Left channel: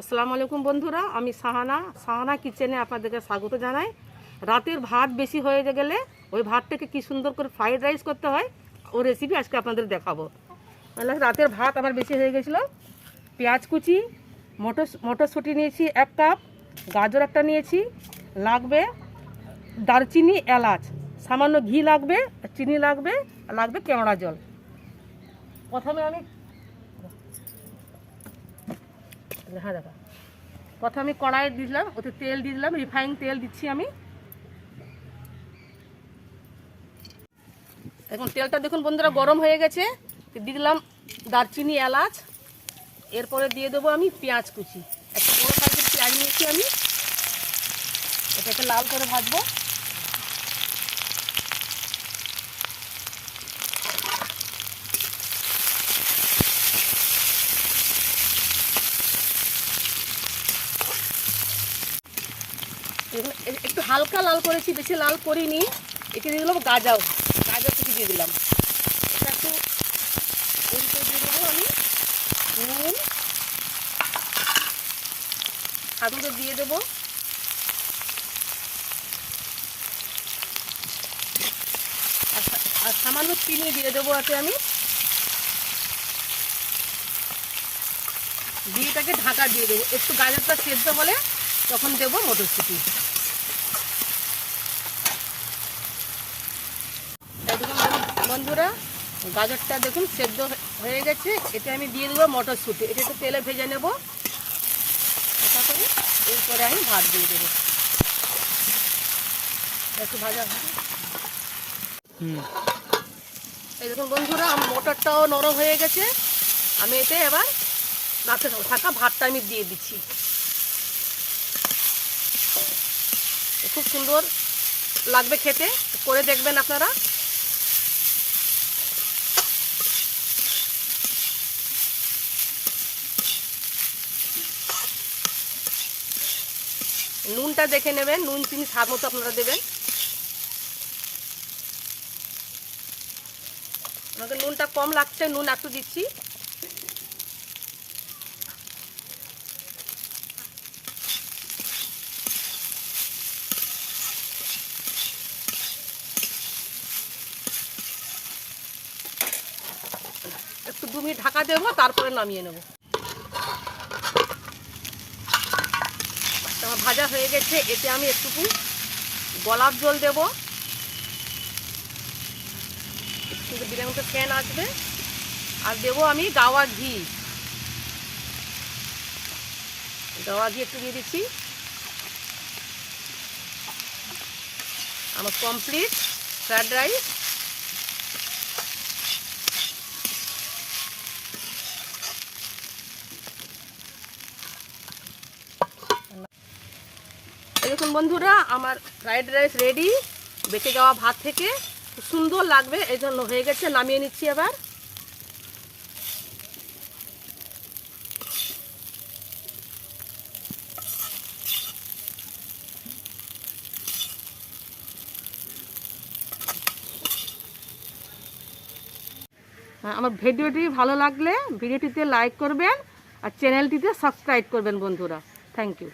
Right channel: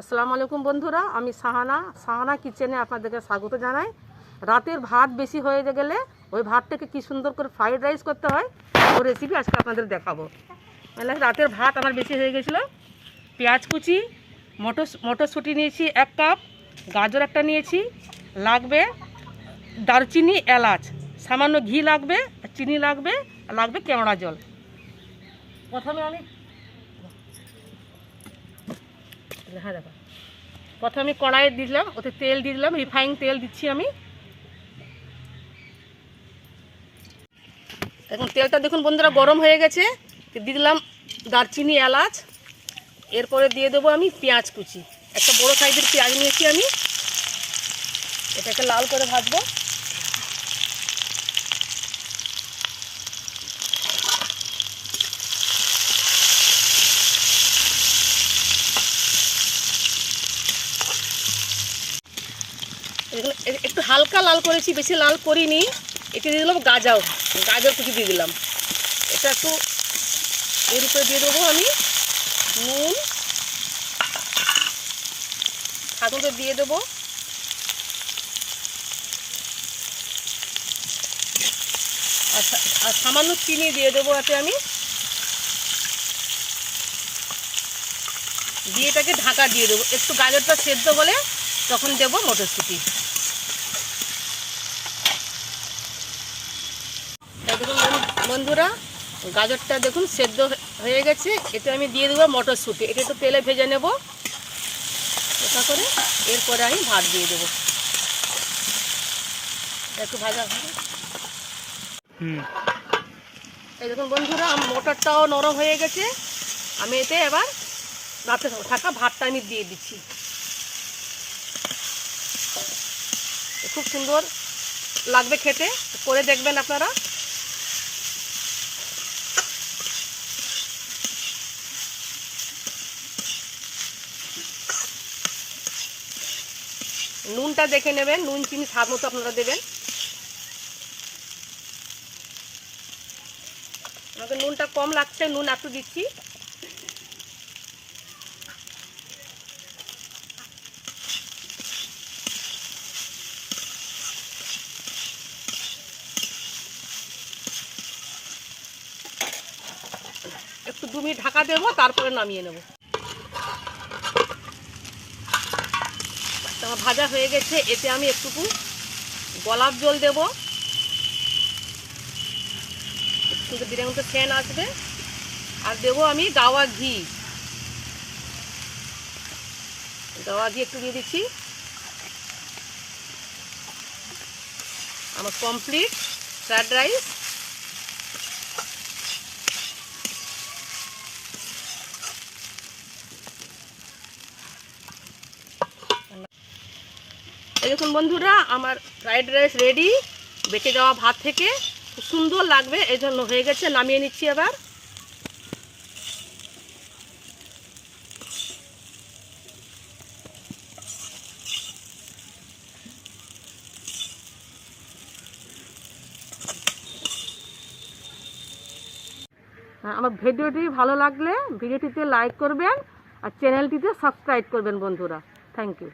আসসালামু আলাইকুম বন্ধুরা, আমি সাহানা কিচেনে আপনাদেরকে স্বাগত জানাই। রাতের ভাত বেশি হয়ে গেলে ওই ভাতটাকে কি সুন্দর করে ফ্রাইড রাইস করতে হয় ওই রেসিপি আজকে আপনাদের দেখাবো। মানে রাতের ভাত আমার বেশি হয়ে গেছিলো। পেঁয়াজ কুচি, মটরশুঁটি নিয়েছি 1 কাপ, গাজর একটা নিয়েছি, লাগবে দারচিনি, এলাচ, সামান্য ঘি লাগবে, চিনি লাগবে, লাগবে কেওড়া জল। প্রথমে কড়াইয়ে দিলাম, ওতে তেল দিয়ে দিলাম, রিফাইন তেল দিচ্ছি আমি। এখন তেলটা দেখুন বন্ধুরা গরম হয়ে গেছে, দিয়ে দিলাম দারচিনি, এলাচ। এরপরে দিয়ে দেবো আমি পেঁয়াজ কুচি, একটা বড়ো সাইজের পেঁয়াজ নিয়েছি আমি, এটাকে লাল করে ভাজবো। একটু হালকা লাল করেছি, বেশি লাল করিনি। এতে দিয়ে দিলাম গাজর কুচি দিয়ে দিলাম। এটা একটু এর উপরে দিয়ে দেবো আমি নুন, স্বাদ মতো দিয়ে দেবো, আর সামান্য চিনি দিয়ে দেবো এতে আমি। দিয়ে এটাকে ঢাকা দিয়ে দেবো, একটু গাজরটা সেদ্ধ হলে তখন দেবো মটরশুঁটি। দেখুন বন্ধুরা, গাজরটা দেখুন সেদ্ধ হয়ে গেছে। এতে আমি দিয়ে দেবো মটরশুঁটি, এটা একটু তেলে ভেজে নেব এটা করে। এরপরে আমি ভাত দিয়ে দেবো, একটু ভাজা ভাজা। এই দেখুন বন্ধুরা, মটরটাও নরম হয়ে গেছে। আমি এতে এবার রাতে থাকা ভাতটা আমি দিয়ে দিচ্ছি। খুব সুন্দর লাগবে খেতে, করে দেখবেন আপনারা। নুনটা দেখে নেবেন, নুন চিনি স্বাদ মতো আপনারা দেবেন। আমাকে নুনটা কম লাগছে, নুন একটু দিচ্ছি। একটু 2 মিনিট ঢাকা দেবো, তারপরে নামিয়ে নেব। আমার ভাজা হয়ে গেছে, এতে আমি একটুকু গোলাপ জল দেবো, কিন্তু বিরিয়ানিতে ফ্যান আসবে। আর দেবো আমি গাওয়া ঘি একটু দিয়ে দিচ্ছি। আমার কমপ্লিট ফ্রাইড রাইস। দেখুন বন্ধুরা, আমার ফ্রাইড রাইস রেডি। বেঁচে যাওয়া ভাত থেকে খুব সুন্দর লাগবে, এই জন্য হয়ে গেছে। নামিয়ে নিচ্ছি এবার। আমার ভিডিওটি ভালো লাগলে ভিডিওটিতে লাইক করবেন আর চ্যানেলটিতে সাবস্ক্রাইব করবেন বন্ধুরা। Thank you.